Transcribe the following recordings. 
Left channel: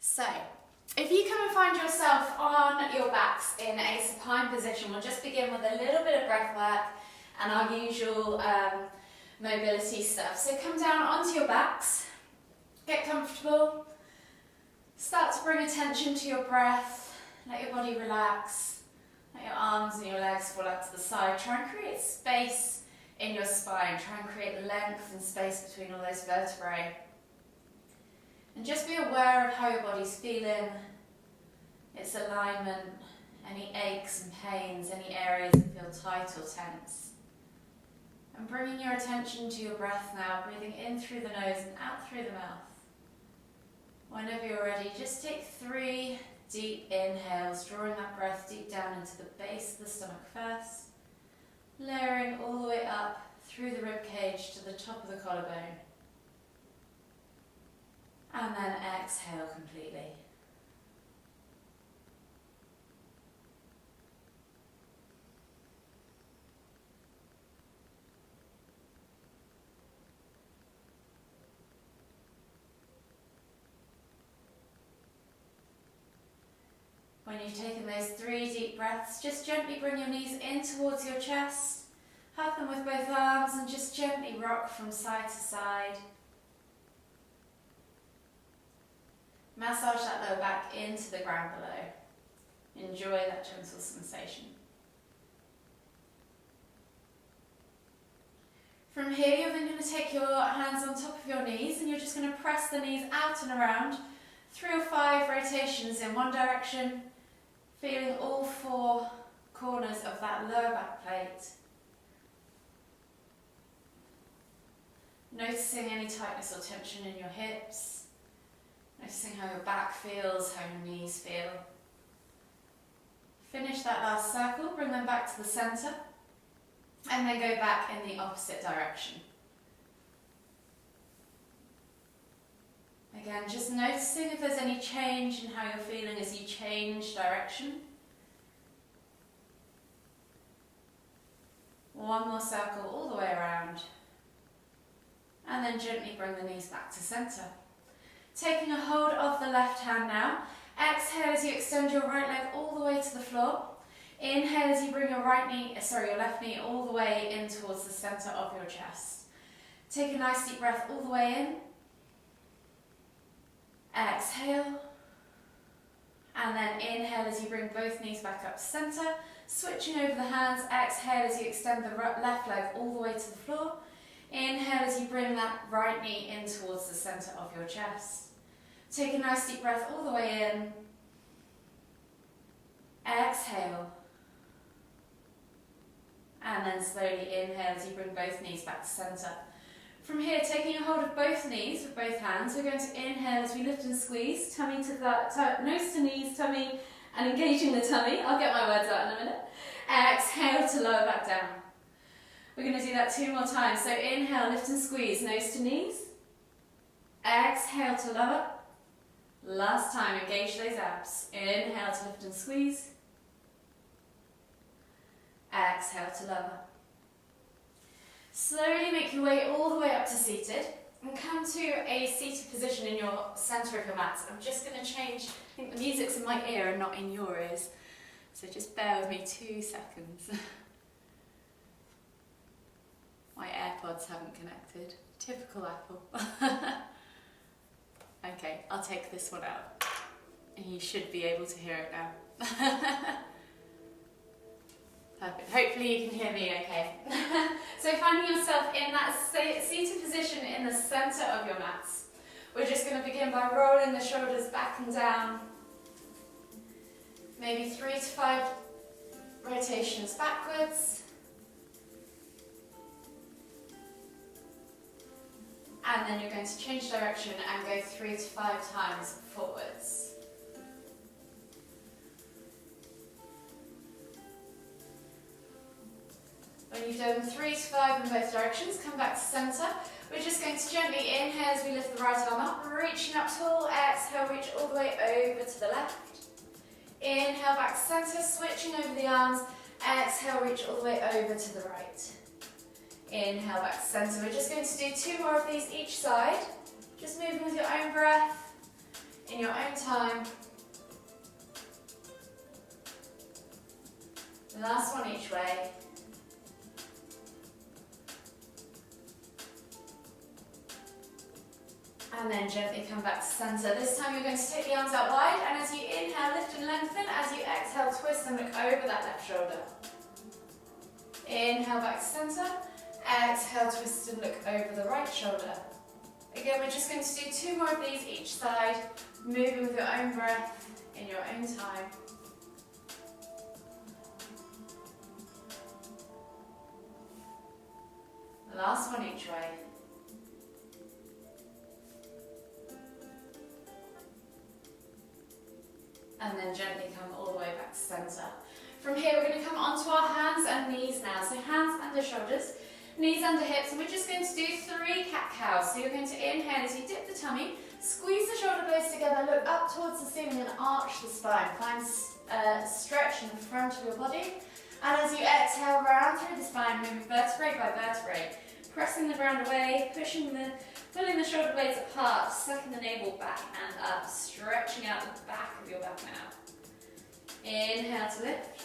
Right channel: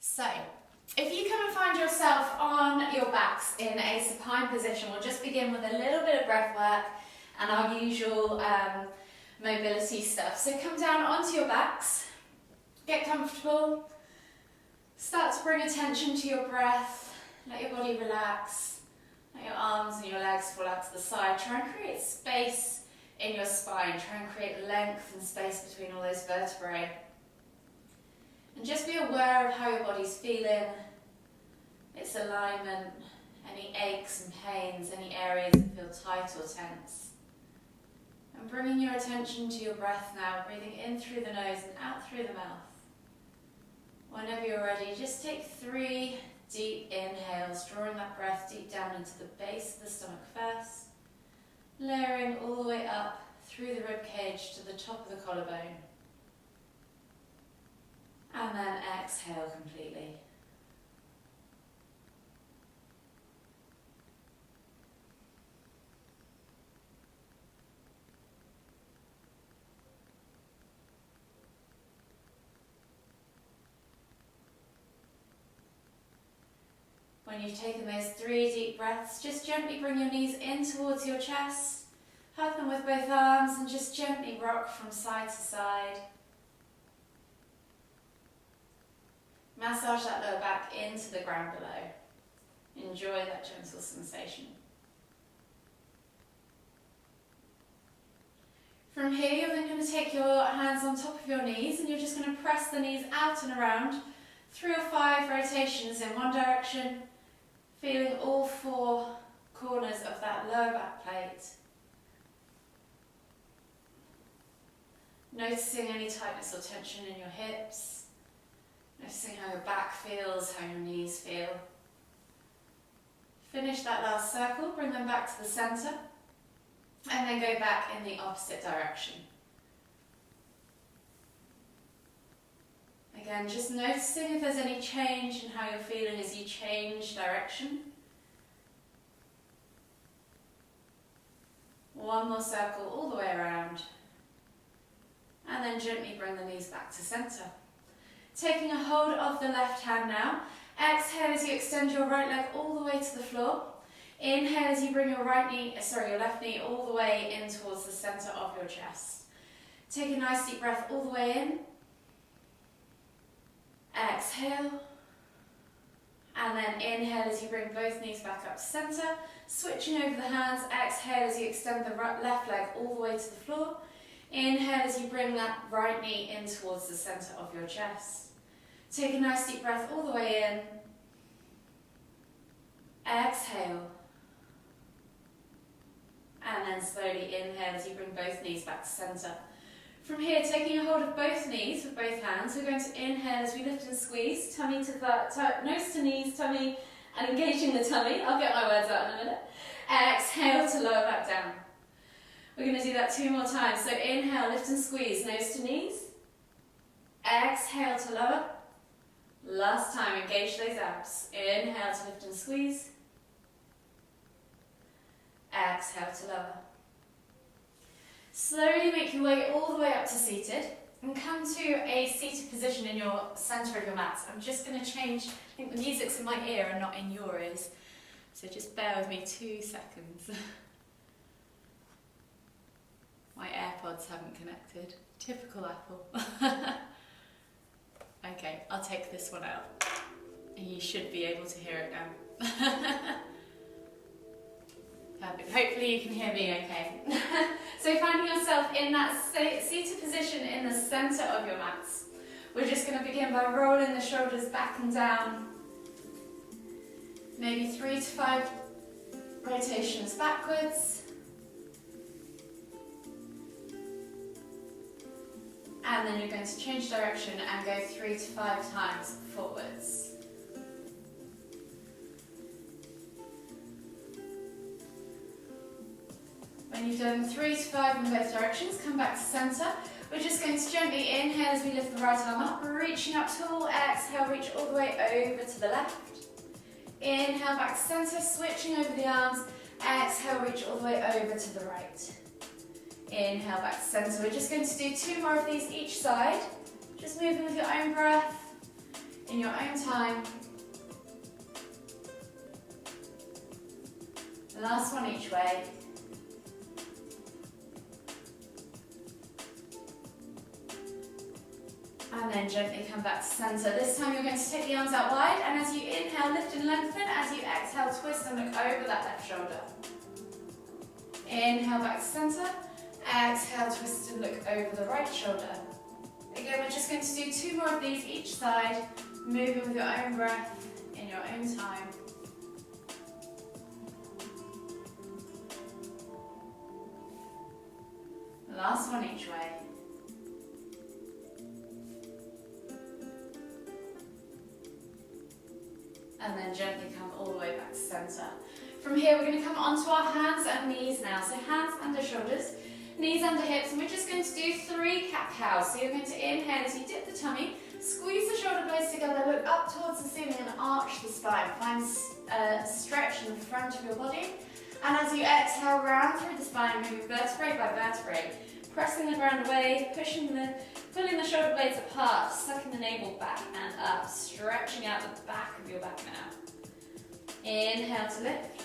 So, if you come and find yourself on your backs in a supine position, we'll just begin with a little bit of breath work and our usual mobility stuff. So come down onto your backs, get comfortable, start to bring attention to your breath, let your body relax, let your arms and your legs fall out to the side. Try and create space in your spine, try and create length and space between all those vertebrae. And just be aware of how your body's feeling, its alignment, any aches and pains, any areas that feel tight or tense. And bringing your attention to your breath now, breathing in through the nose and out through the mouth. Whenever you're ready, just take 3 deep inhales, drawing that breath deep down into the base of the stomach first, layering all the way up through the rib cage to the top of the collarbone. And then exhale completely. When you've taken those 3 deep breaths, just gently bring your knees in towards your chest, hug them with both arms and just gently rock from side to side. Massage that lower back into the ground below. Enjoy that gentle sensation. From here, you're then going to take your hands on top of your knees and you're just going to press the knees out and around 3 or 5 rotations in one direction, feeling all 4 corners of that lower back plate. Noticing any tightness or tension in your hips. Noticing how your back feels, how your knees feel. Finish that last circle, bring them back to the centre, and then go back in the opposite direction. Again, just noticing if there's any change in how you're feeling as you change direction. One more circle all the way around, and then gently bring the knees back to centre. Taking a hold of the left hand now. Exhale as you extend your right leg all the way to the floor. Inhale as you bring your your left knee all the way in towards the centre of your chest. Take a nice deep breath all the way in. Exhale. And then inhale as you bring both knees back up to centre. Switching over the hands. Exhale as you extend the left leg all the way to the floor. Inhale as you bring that right knee in towards the centre of your chest. Take a nice deep breath all the way in. Exhale. And then slowly inhale as you bring both knees back to centre. From here, taking a hold of both knees with both hands, we're going to inhale as we lift and squeeze, tummy to nose to knees, tummy, and engaging the tummy. I'll get my words out in a minute. Exhale to lower back down. We're going to do that 2 more times. So inhale, lift and squeeze, nose to knees. Exhale to lower. Last time, engage those abs. Inhale to lift and squeeze. Exhale to lower. Slowly make your way all the way up to seated and come to a seated position in your centre of your mat. I'm just going to change, I think the music's in my ear and not in your ears. So just bear with me 2 seconds. My AirPods haven't connected. Typical Apple. Okay, I'll take this one out. And you should be able to hear it now. Perfect. Hopefully you can hear me okay. So finding yourself in that seated position in the centre of your mats. We're just going to begin by rolling the shoulders back and down. Maybe 3 to 5 rotations backwards. And then you're going to change direction and go 3 to 5 times forwards. When you've done 3 to 5 in both directions, come back to centre. We're just going to gently inhale as we lift the right arm up, reaching up tall. Exhale, reach all the way over to the left. Inhale back to centre, switching over the arms. Exhale, reach all the way over to the right. Inhale back to centre. We're just going to do 2 more of these each side. Just moving with your own breath. in your own time. Last one each way. And then gently come back to center. This time you're going to take the arms out wide, and as you inhale, lift and lengthen. As you exhale, twist and look over that left shoulder. Inhale back to center. Exhale, twist and look over the right shoulder. Again, we're just going to do 2 more of these each side, moving with your own breath in your own time. Last one each way. And then gently come all the way back to center. From here, we're going to come onto our hands and knees now. So hands under shoulders, knees under hips, and we're just going to do 3 cat-cows. So you're going to inhale as you dip the tummy, squeeze the shoulder blades together, look up towards the ceiling and arch the spine. Find stretch in the front of your body. And as you exhale, round through the spine, moving vertebrae by vertebrae, pressing the ground away, pulling the shoulder blades apart, sucking the navel back and up, stretching out the back of your back now. Inhale to lift.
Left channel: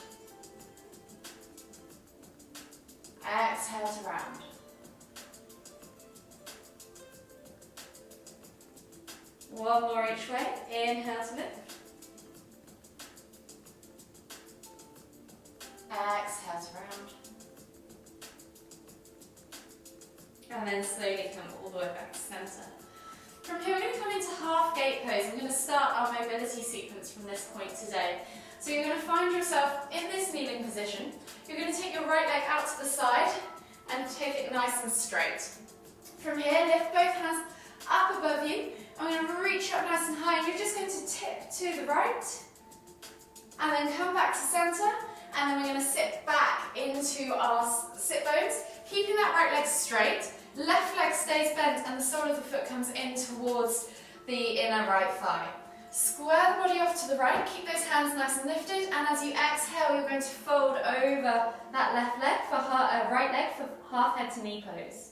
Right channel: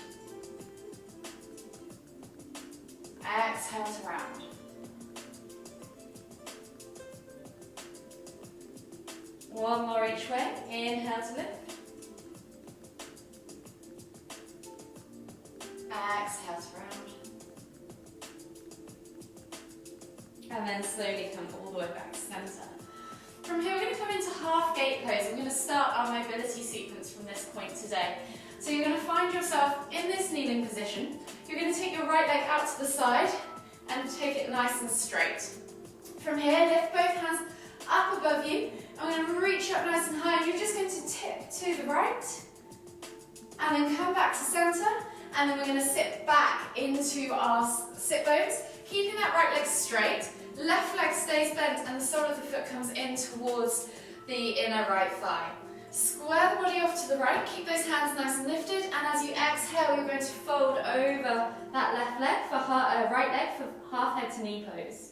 Exhale to round. One more each way. Inhale to lift. Exhale to round. And then slowly come all the way back to center. From here, we're going to come into half gate pose. We're going to start our mobility sequence from this point today. So you're going to find yourself in this kneeling position. You're going to take your right leg out to the side and take it nice and straight. From here, lift both hands up above you. I'm going to reach up nice and high, and you're just going to tip to the right. And then come back to center. And then we're going to sit back into our sit bones, keeping that right leg straight. Left leg stays bent and the sole of the foot comes in towards the inner right thigh. Square the body off to the right, keep those hands nice and lifted, and as you exhale, you're going to fold over that left leg for right leg for half head to knee pose.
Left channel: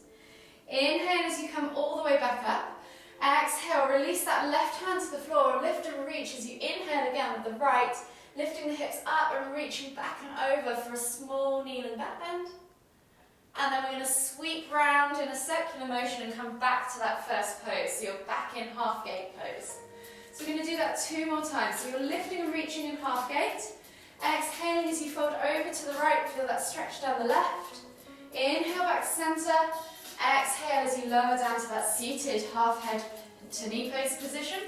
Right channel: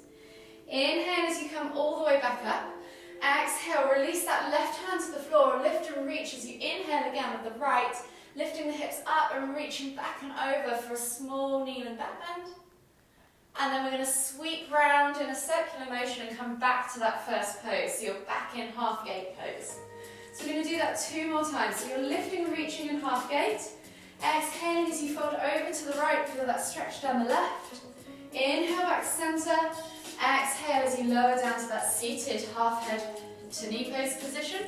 Inhale as you come all the way back up. Exhale, release that left hand to the floor, lift and reach as you inhale again with the right, lifting the hips up and reaching back and over for a small kneeling back bend. And then we're going to sweep round in a circular motion and come back to that first pose. So you're back in half gate pose. So we're going to do that 2 more times. So you're lifting and reaching in half gate. Exhaling as you fold over to the right, feel that stretch down the left. Inhale back to center. Exhale as you lower down to that seated half head to knee pose position.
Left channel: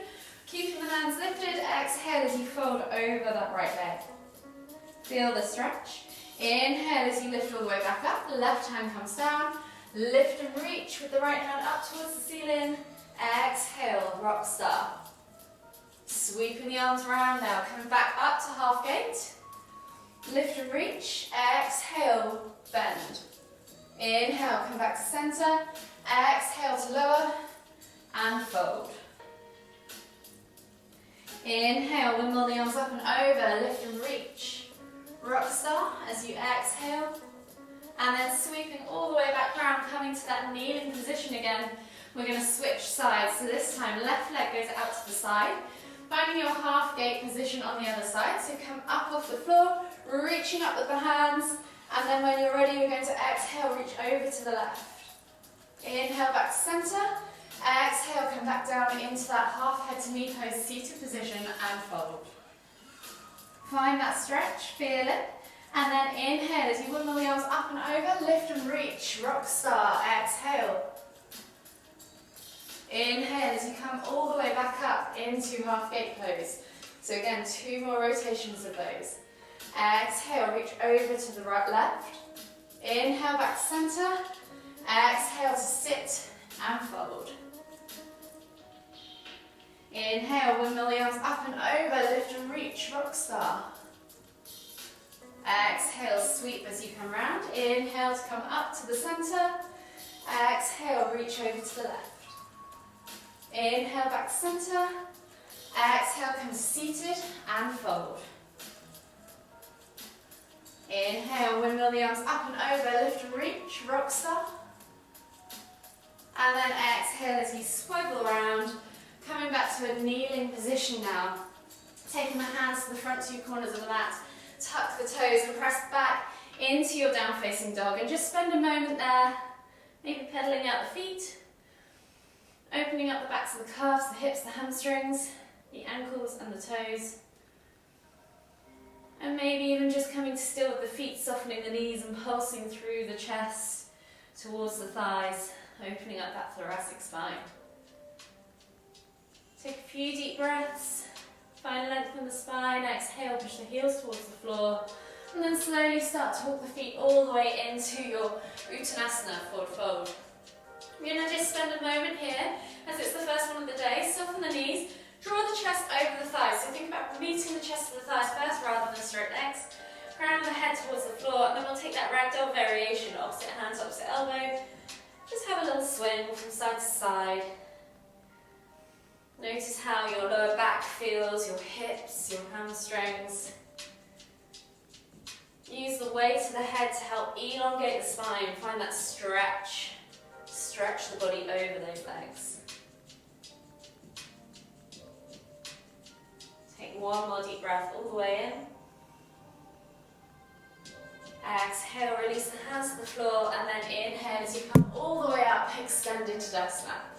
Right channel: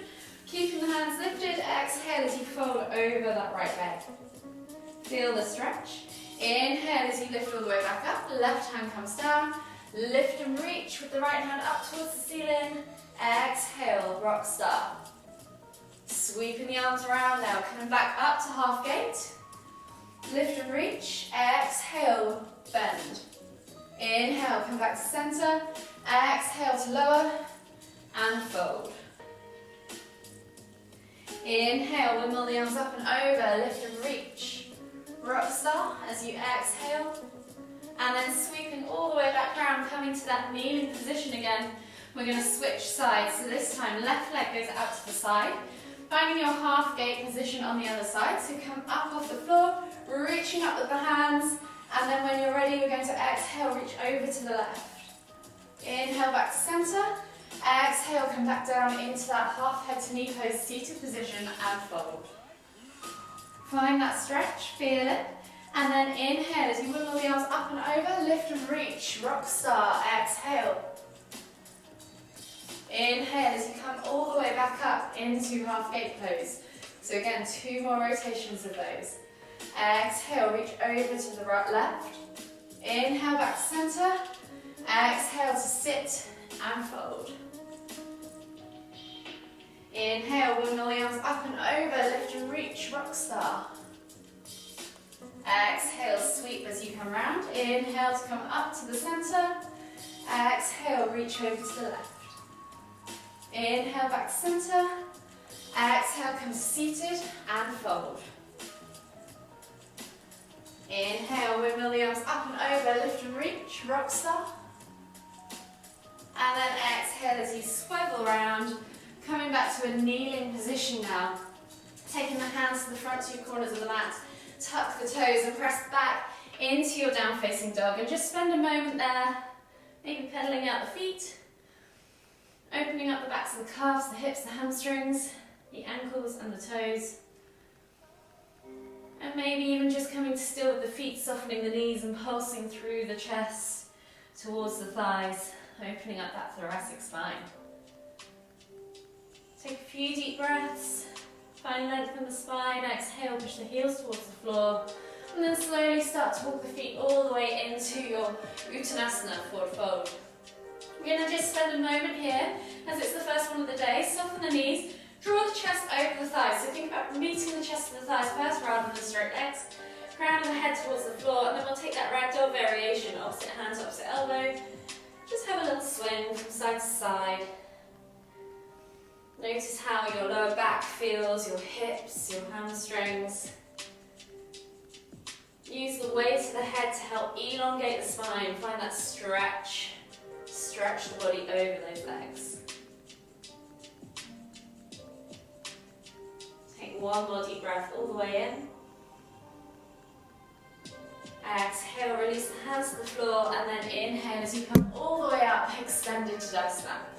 Keeping the hands lifted. Exhale as you fold over that right leg. Feel the stretch. Inhale as you lift all the way back up, left hand comes down, lift and reach with the right hand up towards the ceiling. Exhale, rock star. Sweeping the arms around now, coming back up to half gate. Lift and reach, exhale, bend. Inhale, come back to center. Exhale to lower and fold. Inhale, wiggle the arms up and over, lift and reach. Rock star as you exhale, and then sweeping all the way back down, coming to that kneeling position again. We're going to switch sides, so this time left leg goes out to the side, finding your half gate position on the other side. So come up off the floor, reaching up with the hands, and then when you're ready, we're going to exhale, reach over to the left. Inhale back to center, exhale, come back down into that half head to knee pose, seated position, and fold. Find that stretch, feel it, and then inhale as you wiggle the arms up and over, lift and reach, rock star, exhale. Inhale as you come all the way back up into half gate pose. So again, 2 more rotations of those. Exhale, reach over to the right, left. Inhale, back to center. Exhale to sit and fold. Inhale, wiggle the arms up and over, lift and reach, rock star. Exhale, sweep as you come round. Inhale to come up to the center. Exhale, reach over to the left. Inhale, back to center. Exhale, come seated and fold. Inhale, wiggle the arms up and over, lift and reach, rock star. And then exhale as you swivel around, coming back to a kneeling position. switching now. Taking the hands to the front two corners of the mat, tuck the toes and press back into your down facing dog, and just spend a moment there, maybe pedaling out the feet, opening up the backs of the calves, the hips, the hamstrings, the ankles and the toes. And maybe even just coming to still with the feet, softening the knees and pulsing through the chest towards the thighs, opening up that thoracic spine. Take a few deep breaths, find length in the spine, exhale, push the heels towards the floor, and then slowly start to walk the feet all the way into your Uttanasana, forward fold. You're going to just spend a moment here, as it's the first one of the day, soften the knees, draw the chest over the thighs. So think about meeting the chest of the thighs first rather than straight legs. Crown of the head towards the floor, and then we'll take that ragdoll variation, opposite hand to opposite elbow. Just have a little swing from side to side. Notice how your lower back feels, your hips, your hamstrings. Use the weight of the head to help elongate the spine. Find that stretch. Stretch the body over those legs. Take one more deep breath all the way in. Exhale, release the hands to the floor, and then inhale as you come all the way up, extend into Tadasana.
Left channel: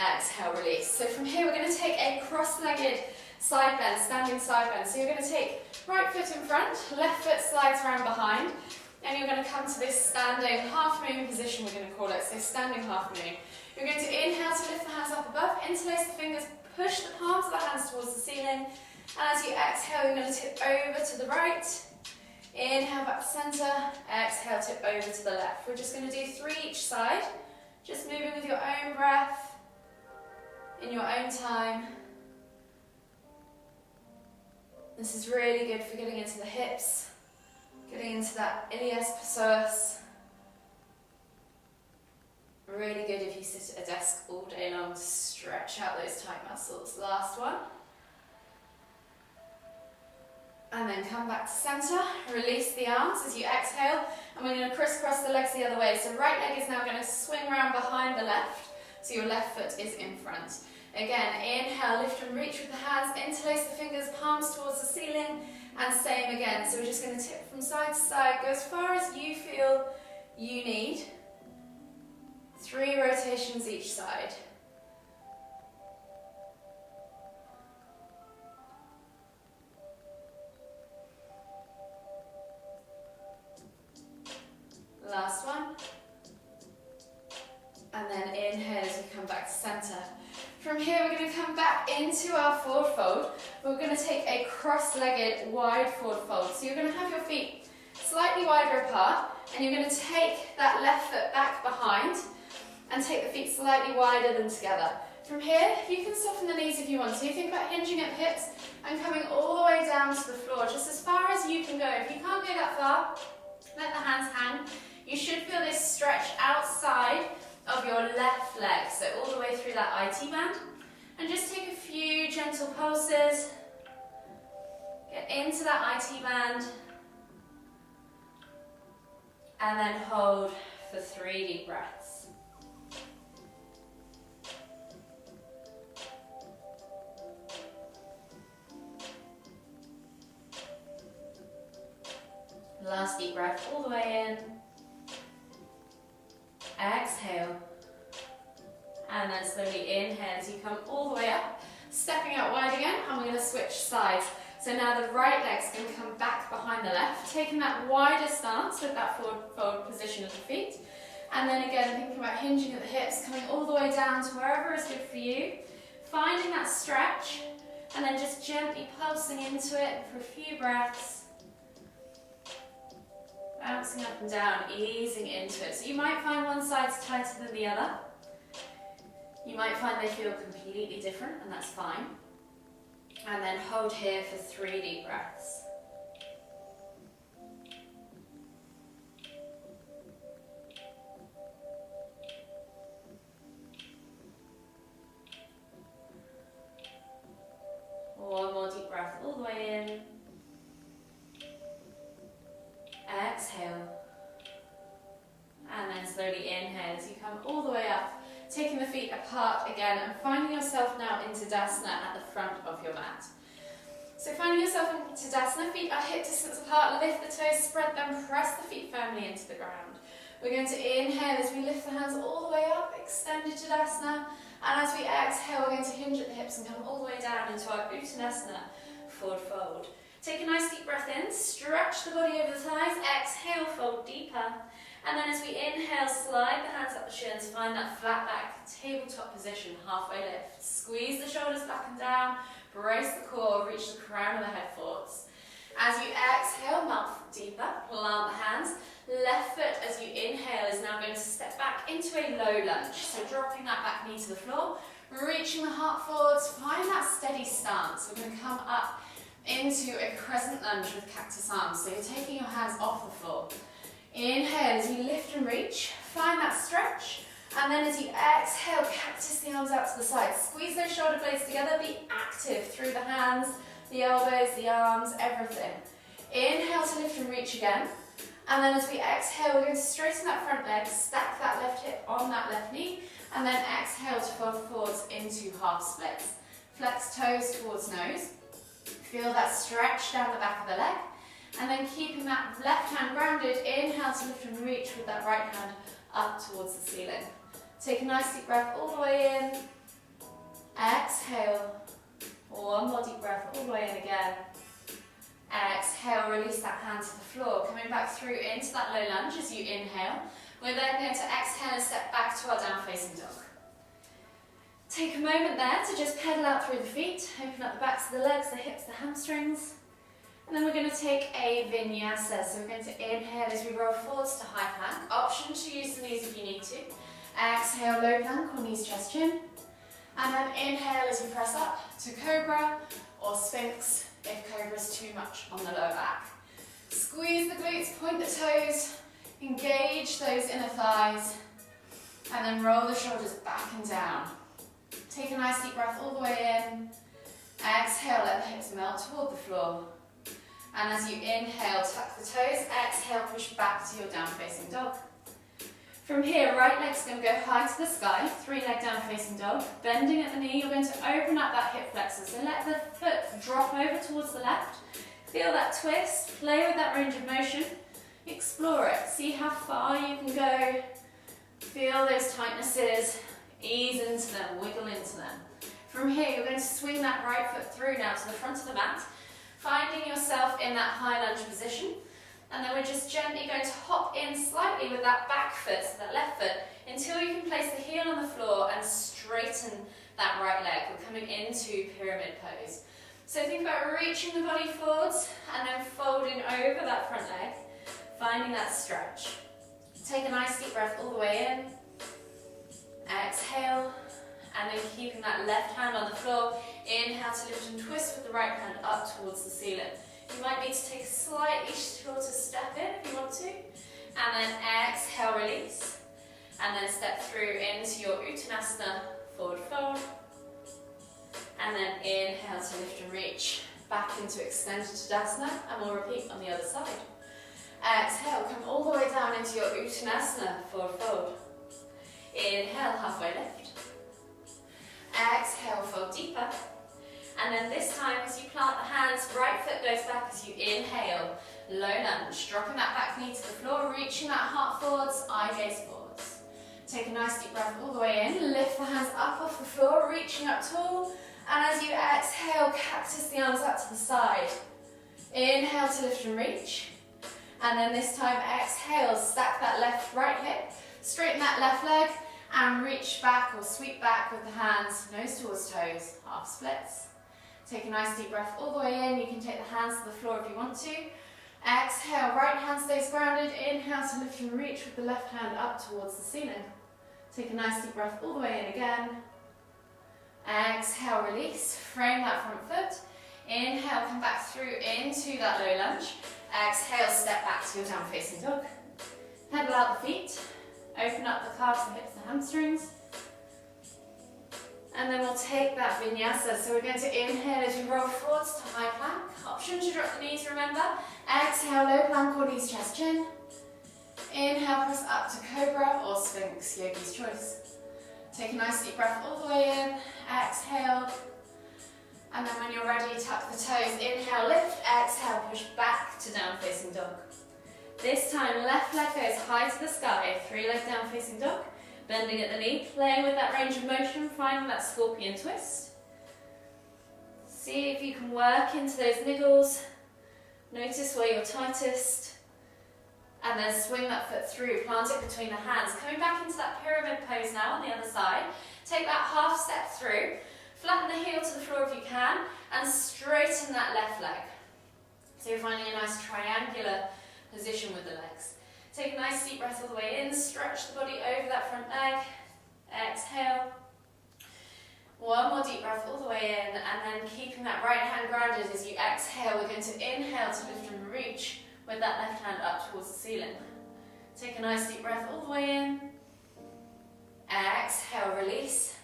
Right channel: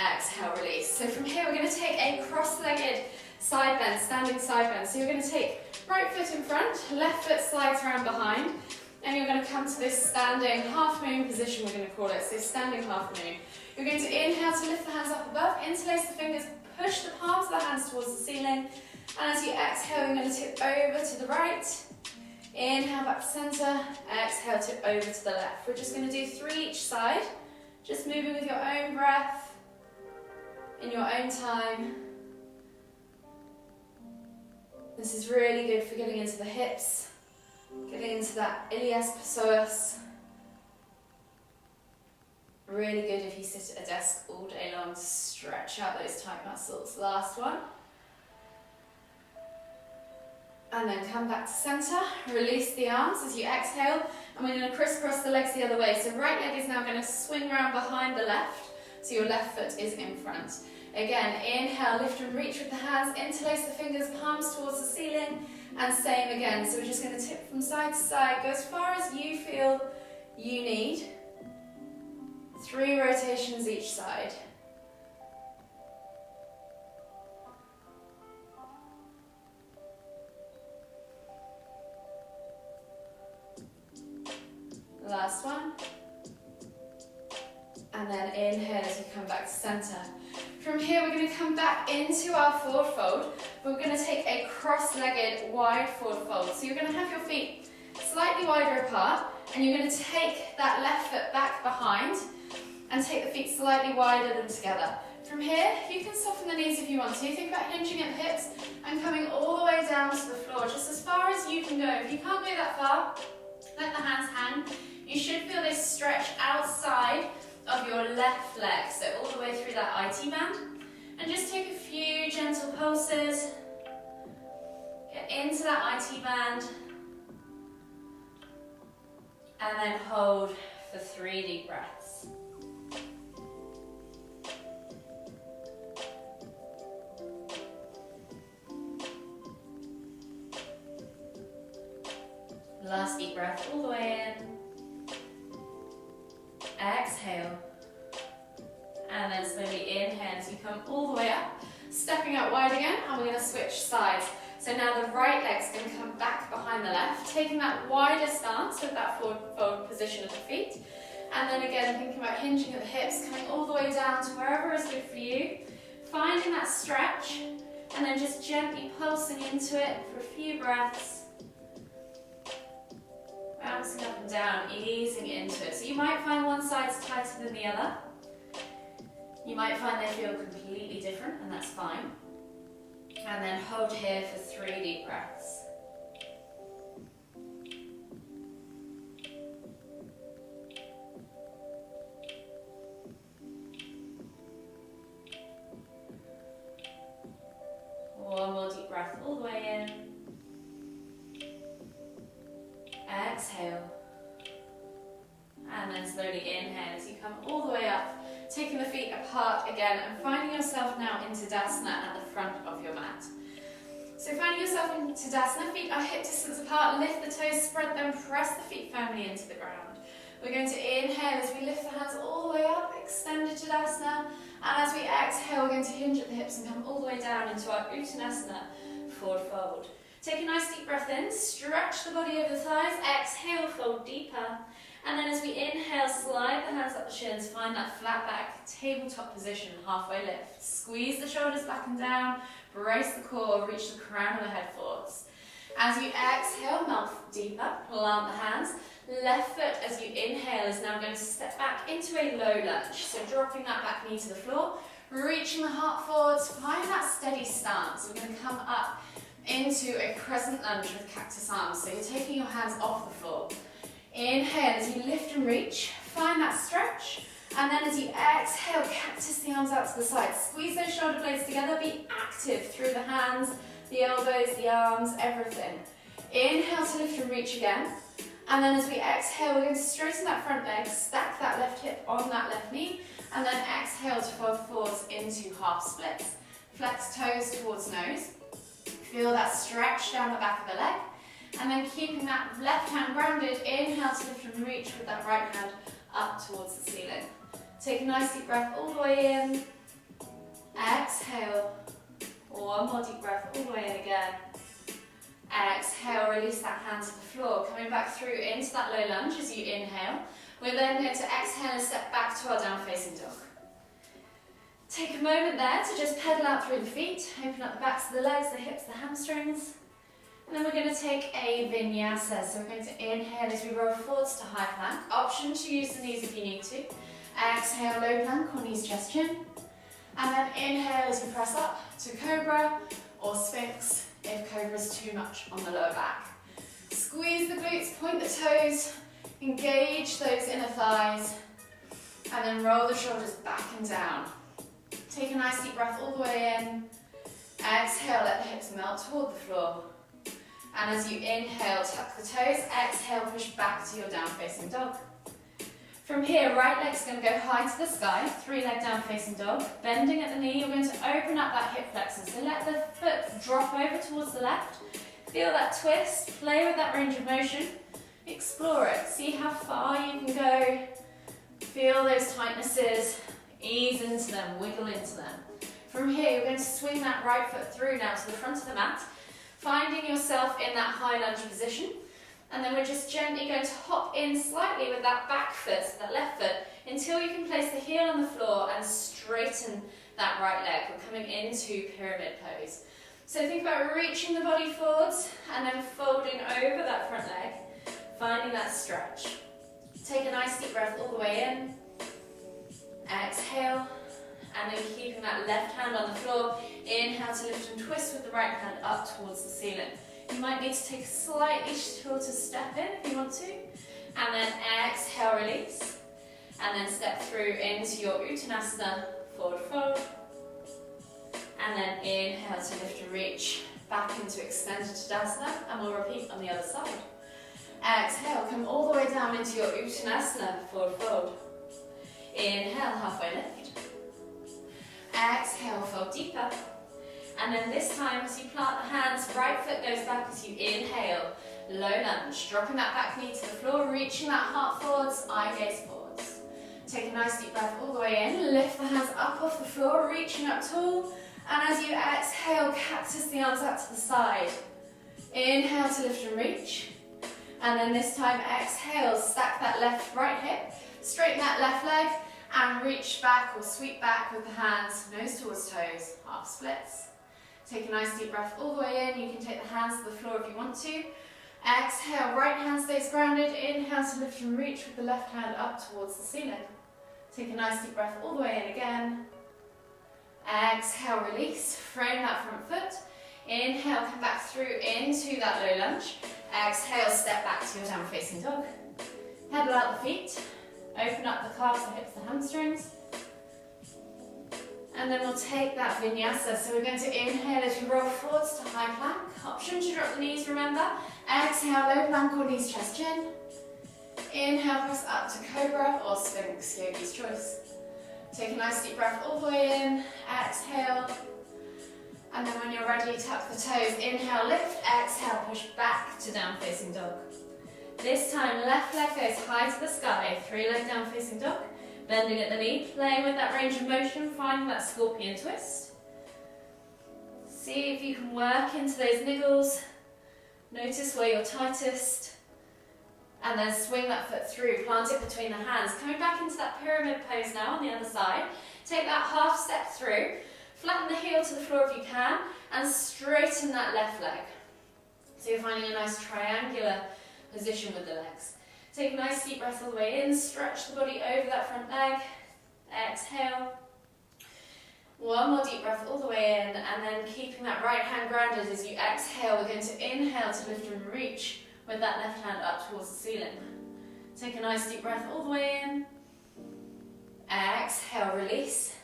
Exhale, release. So from here we're going to take a cross-legged side bend, standing side bend. So you're going to take right foot in front, left foot slides around behind, and you're going to come to this standing half moon position, we're going to call it. So standing half moon. You're going to inhale to lift the hands up above, interlace the fingers, push the palms of the hands towards the ceiling, and as you exhale, you're going to tip over to the right. Inhale back to centre, exhale, tip over to the left. We're just going to do 3 each side, just moving with your own breath, in your own time. This is really good for getting into the hips, getting into that ilias psoas. Really good if you sit at a desk all day long to stretch out those tight muscles. Last one. And then come back to centre, release the arms as you exhale, and we're going to crisscross the legs the other way. So right leg is now going to swing around behind the left, so your left foot is in front. Again, inhale, lift and reach with the hands, interlace the fingers, palms towards the ceiling, and same again. So we're just going to tip from side to side, go as far as you feel you need. 3 rotations each side. Last one. And then inhale as you come back to centre. From here we're going to come back into our forward fold. We're going to take a cross-legged wide forward fold. So you're going to have your feet slightly wider apart, and you're going to take that left foot back behind and take the feet slightly wider than together. From here, you can soften the knees if you want to. You think about hinging at the hips and coming all the way down to the floor, just as far as you can go. If you can't go that far, let the hands hang. You should feel this stretch outside of your left leg, so all the way through that IT band. And just take a few gentle pulses. Get into that IT band. And then hold for 3 deep breaths. Last deep breath all the way in. Exhale. And then slowly inhale as you come all the way up. Stepping out wide again, and we're going to switch sides. So now the right leg's going to come back behind the left, taking that wider stance with that forward position of the feet. And then again, thinking about hinging at the hips, coming all the way down to wherever is good for you. Finding that stretch, and then just gently pulsing into it for a few breaths. Bouncing up and down, easing into it. So you might find one side's tighter than the other. You might find they feel completely different, and that's fine. And then hold here for 3 deep breaths. One more deep breath all the way in. Exhale. And then slowly inhale as you come all the way up, taking the feet apart again and finding yourself now into Tadasana at the front front of your mat. So finding yourself in Tadasana, feet are hip distance apart, lift the toes, spread them, press the feet firmly into the ground. We're going to inhale as we lift the hands all the way up, extended Tadasana, and as we exhale, we're going to hinge at the hips and come all the way down into our Uttanasana, forward fold. Take a nice deep breath in, stretch the body over the thighs, exhale, fold deeper, and then as we inhale, slide the hands up the shins, find that flat back, tabletop position, halfway lift. Squeeze the shoulders back and down, brace the core, reach the crown of the head forwards. As you exhale, mouth deeper, plant the hands. Left foot, as you inhale, is now going to step back into a low lunge. So dropping that back knee to the floor, reaching the heart forwards, find that steady stance. We're going to come up into a crescent lunge with cactus arms. So you're taking your hands off the floor. Inhale as you lift and reach, find that stretch. And then as you exhale, cactus the arms out to the side. Squeeze those shoulder blades together, be active through the hands, the elbows, the arms, everything. Inhale to lift and reach again. And then as we exhale, we're going to straighten that front leg, stack that left hip on that left knee, and then exhale to fold forwards into half splits. Flex toes towards nose. Feel that stretch down the back of the leg. And then keeping that left hand grounded, inhale to lift and reach with that right hand up towards the ceiling. Take a nice deep breath all the way in. Exhale. One more deep breath all the way in again. Exhale, release that hand to the floor. Coming back through into that low lunge as you inhale. We're then going to exhale and step back to our down facing dog. Take a moment there to just pedal out through the feet. Open up the backs of the legs, the hips, the hamstrings. And then we're going to take a vinyasa. So we're going to inhale as we roll forwards to high plank. Option to use the knees if you need to. Exhale, low plank or knees, chest, chin. And then inhale as we press up to cobra or sphinx if cobra is too much on the lower back. Squeeze the glutes, point the toes, engage those inner thighs, and then roll the shoulders back and down. Take a nice deep breath all the way in. Exhale, let the hips melt toward the floor. And as you inhale, tuck the toes. Exhale, push back to your down facing dog. From here, right leg's going to go high to the sky, 3-leg down facing dog. Bending at the knee, you're going to open up that hip flexor. So let the foot drop over towards the left. Feel that twist, play with that range of motion. Explore it, see how far you can go. Feel those tightnesses, ease into them, wiggle into them. From here, you're going to swing that right foot through now to the front of the mat, finding yourself in that high lunge position. And then we're just gently going to hop in slightly with that back foot, that left foot, until you can place the heel on the floor and straighten that right leg. We're coming into pyramid pose. So think about reaching the body forwards and then folding over that front leg, finding that stretch. Take a nice deep breath all the way in. Exhale, and then keeping that left hand on the floor. Inhale to lift and twist with the right hand up towards the ceiling. You might need to take a slightly shorter step in if you want to. And then exhale, release. And then step through into your Uttanasana, forward fold. And then inhale to lift and reach back into extended Tadasana. And we'll repeat on the other side. Exhale, come all the way down into your Uttanasana, forward fold. Inhale, halfway lift. Exhale, fold deeper. And then this time, as you plant the hands, right foot goes back as you inhale, low lunge. Dropping that back knee to the floor, reaching that heart forwards, eye gaze forwards. Take a nice deep breath all the way in, lift the hands up off the floor, reaching up tall. And as you exhale, cactus the arms out to the side. Inhale to lift and reach. And then this time, exhale, stack that left, right hip, straighten that left leg, and reach back or sweep back with the hands, nose towards toes, half splits. Take a nice deep breath all the way in. You can take the hands to the floor if you want to. Exhale, right hand stays grounded. Inhale to lift and reach with the left hand up towards the ceiling. Take a nice deep breath all the way in again. Exhale, release. Frame that front foot. Inhale, come back through into that low lunge. Exhale, step back to your down facing dog. Pedal out the feet. Open up the calves, the hips, the hamstrings. And then we'll take that vinyasa. So we're going to inhale as you roll forwards to high plank. Option to drop the knees, remember. Exhale, low plank or knees, chest, chin. Inhale, press up to cobra or sphinx, yogi's choice. Take a nice deep breath all the way in. Exhale. And then when you're ready, tuck the toes, inhale, lift, exhale, push back to down facing dog. This time, left leg goes high to the sky, 3 leg down facing dog, bending at the knee, playing with that range of motion, finding that scorpion twist. See if you can work into those niggles, notice where you're tightest, and then swing that foot through, plant it between the hands. Coming back into that pyramid pose now on the other side, take that half step through, flatten the heel to the floor if you can, and straighten that left leg. So you're finding a nice triangular position with the legs. Take a nice deep breath all the way in, stretch the body over that front leg, exhale. One more deep breath all the way in, and then keeping that right hand grounded as you exhale, we're going to inhale to lift and reach with that left hand up towards the ceiling. Take a nice deep breath all the way in, exhale, release.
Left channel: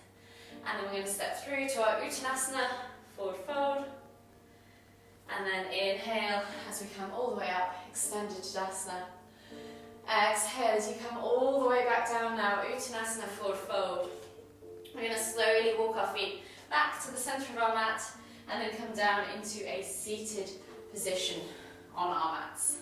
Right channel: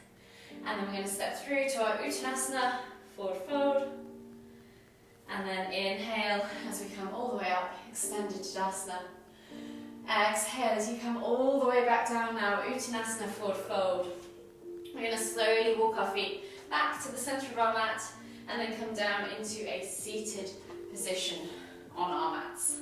And then we're going to step through to our Uttanasana, forward fold. And then inhale as we come all the way up, extended Tadasana. Exhale as you come all the way back down now, Uttanasana, forward fold. We're going to slowly walk our feet back to the centre of our mat and then come down into a seated position on our mats.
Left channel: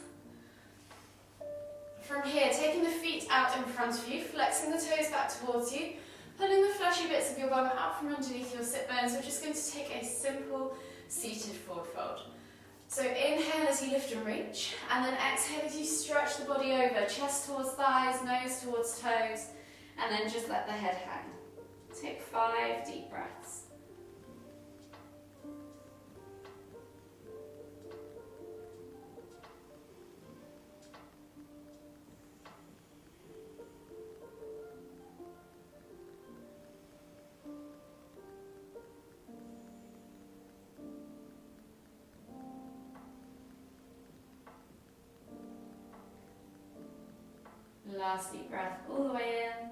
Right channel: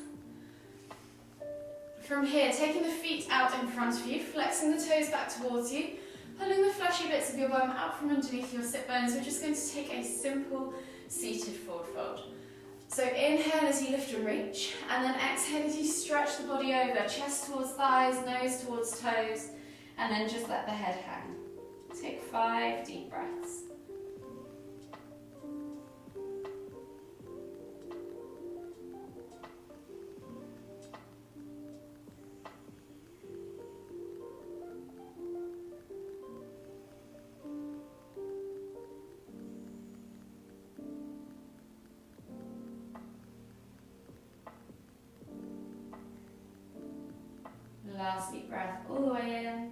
From here, taking the feet out in front of you, flexing the toes back towards you, pulling the fleshy bits of your bum out from underneath your sit bones. We're just going to take a simple seated forward fold. So inhale as you lift and reach, and then exhale as you stretch the body over, chest towards thighs, nose towards toes, and then just let the head hang. Take 5 deep breaths. Last deep breath all the way in.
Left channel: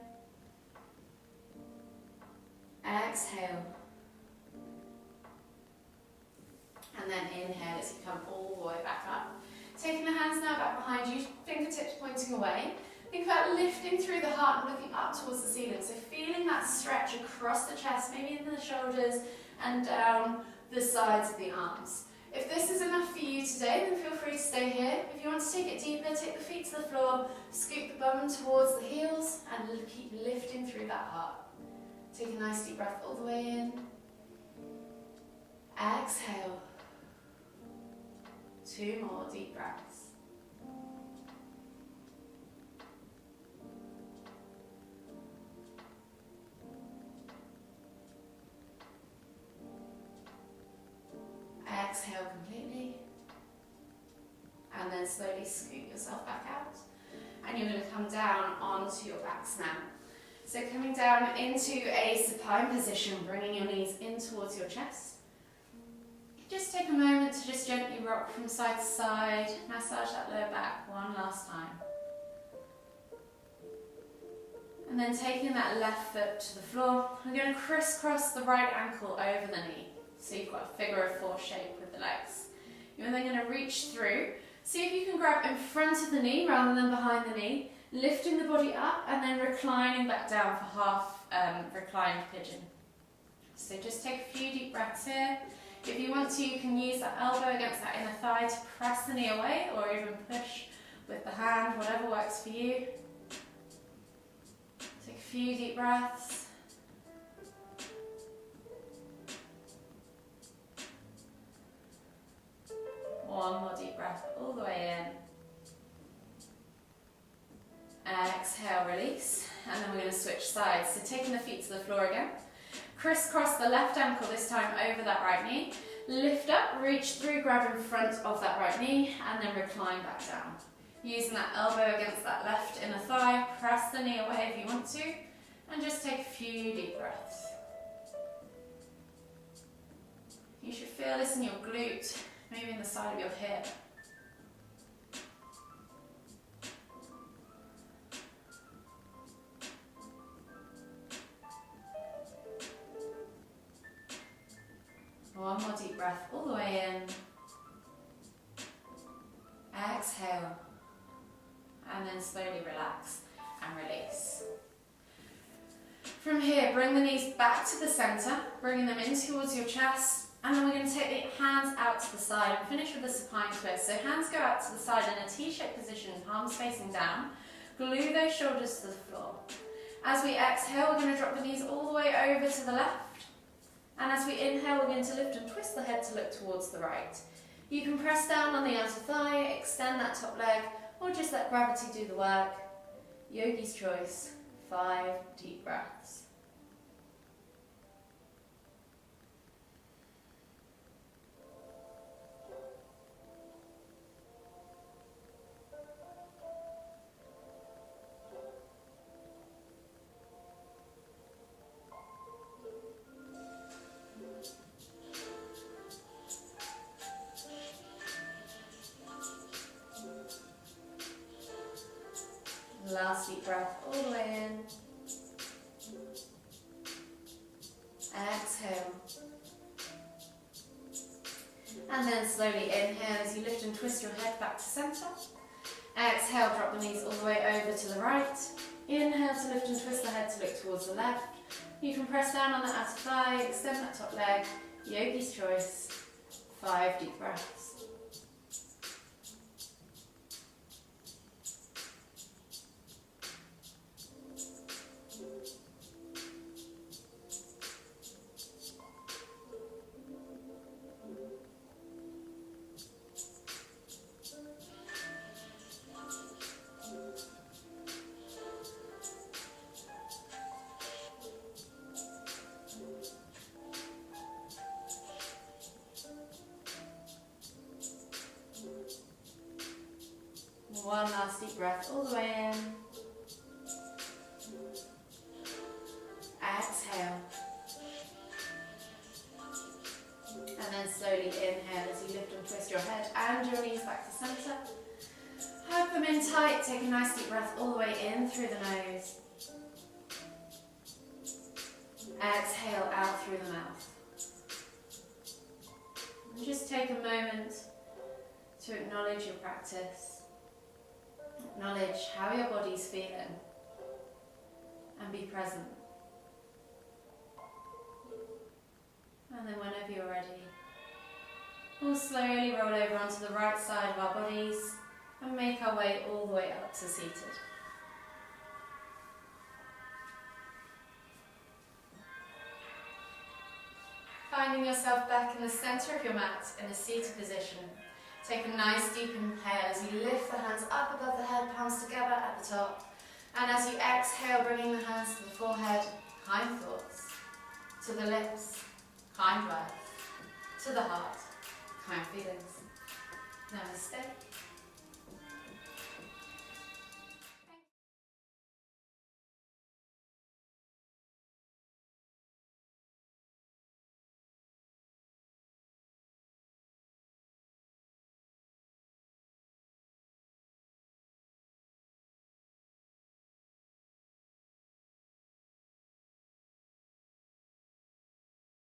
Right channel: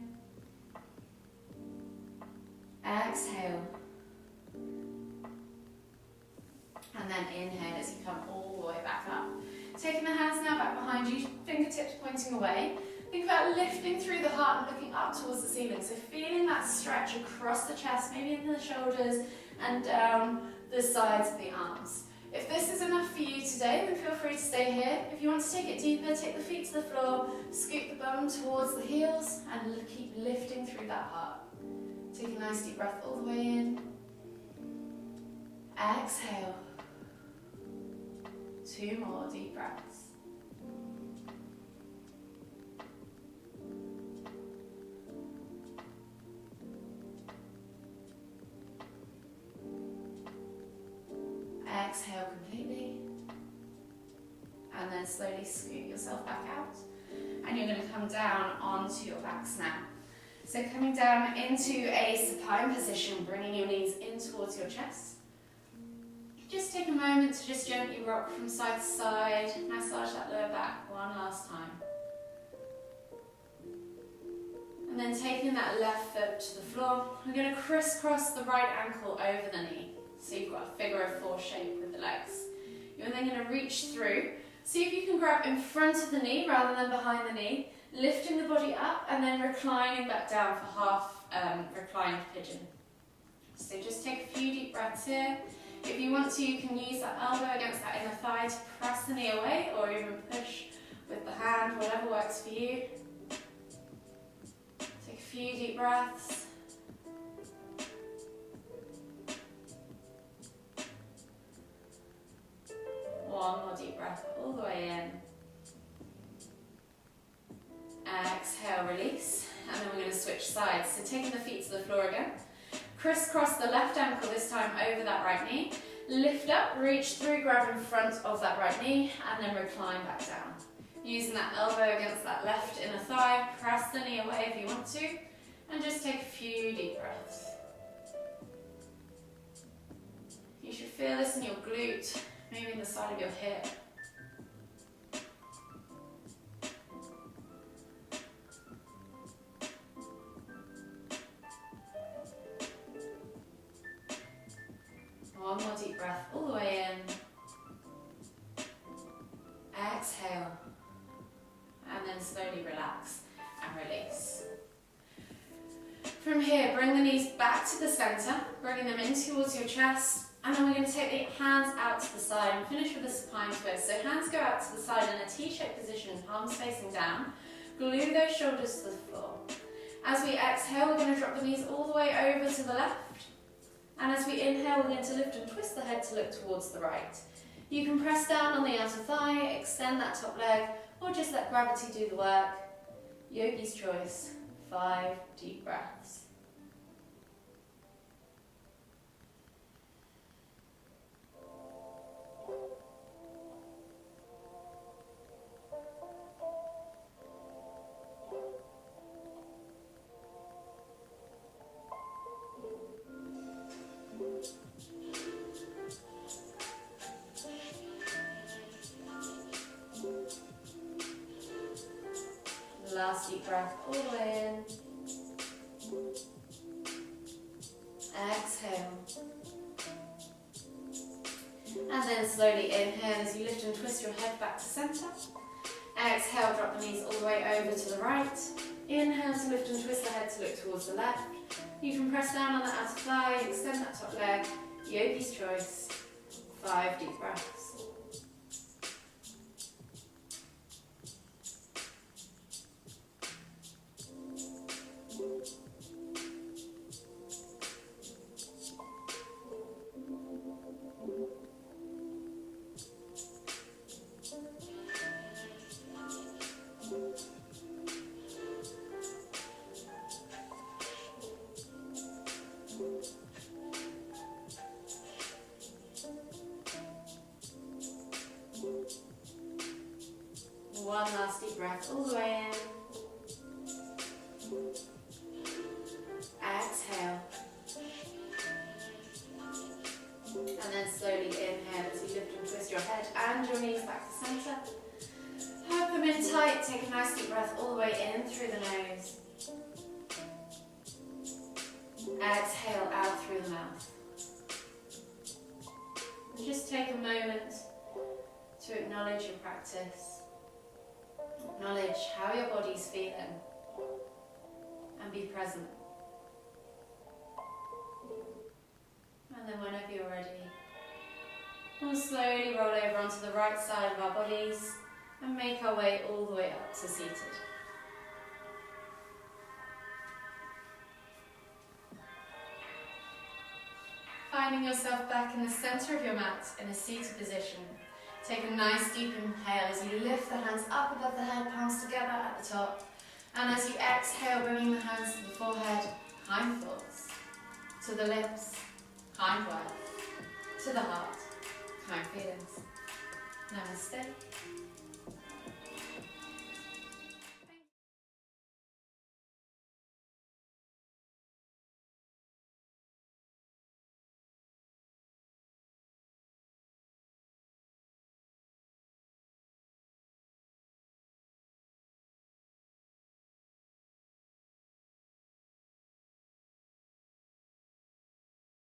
Exhale. And then inhale as you come all the way back up. Taking the hands now back behind you, fingertips pointing away. Think about lifting through the heart and looking up towards the ceiling. So feeling that stretch across the chest, maybe into the shoulders and down the sides of the arms. If this is enough for you today, then feel free to stay here. If you want to take it deeper, take the feet to the floor, scoot the bum towards the heels, and keep lifting through that heart. Take a nice deep breath all the way in. Exhale. 2 more deep breaths. Exhale completely, and then slowly scoot yourself back out, and you're going to come down onto your backs now. So coming down into a supine position, bringing your knees in towards your chest. Just take a moment to just gently rock from side to side, massage that lower back one last time. And then taking that left foot to the floor, I'm going to crisscross the right ankle over the knee. So you've got a figure of 4 shape with the legs. You're then going to reach through. See if you can grab in front of the knee rather than behind the knee, lifting the body up and then reclining back down for half reclined pigeon. So just take a few deep breaths here. If you want to, you can use that elbow against that inner thigh to press the knee away, or even push with the hand, whatever works for you. Take a few deep breaths. One more deep breath all the way in. Exhale, release. And then we're going to switch sides. So taking the feet to the floor again. Crisscross the left ankle this time over that right knee. Lift up, reach through, grab in front of that right knee, and then recline back down. Using that elbow against that left inner thigh. Press the knee away if you want to. And just take a few deep breaths. You should feel this in your glute. Moving the side of your hip. One more deep breath all the way in. Exhale. And then slowly relax and release. From here, bring the knees back to the centre, bringing them in towards your chest. And then we're going to take the hands out to the side and finish with a supine twist. So hands go out to the side in a T-shaped position, palms facing down. Glue those shoulders to the floor. As we exhale, we're going to drop the knees all the way over to the left. And as we inhale, we're going to lift and twist the head to look towards the right. You can press down on the outer thigh, extend that top leg, or just let gravity do the work. Yogi's choice. 5 deep breaths. Last deep breath all the way in. Exhale. And then slowly inhale as you lift and twist your head back to centre. Exhale, drop the knees all the way over to the right. Inhale to lift and twist the head to look towards the left. You can press down on the outer thigh, extend that top leg. Yogi's choice. 5 deep breaths. One last deep breath all the way in. Exhale. And then slowly inhale as you lift and twist your head and your knees back to centre. Hug them in tight. Take a nice deep breath all the way in through the nose. Exhale out through the mouth. And just take a moment to acknowledge your practice. Acknowledge how your body's feeling and be present. And then whenever you're ready, we'll slowly roll over onto the right side of our bodies and make our way all the way up to seated. Finding yourself back in the centre of your mat in a seated position. Take a nice deep inhale as you lift the hands up above the head, palms together at the top. And as you exhale, bringing the hands to the forehead, kind thoughts. To the lips, kind breath. To the heart, kind feelings. Namaste.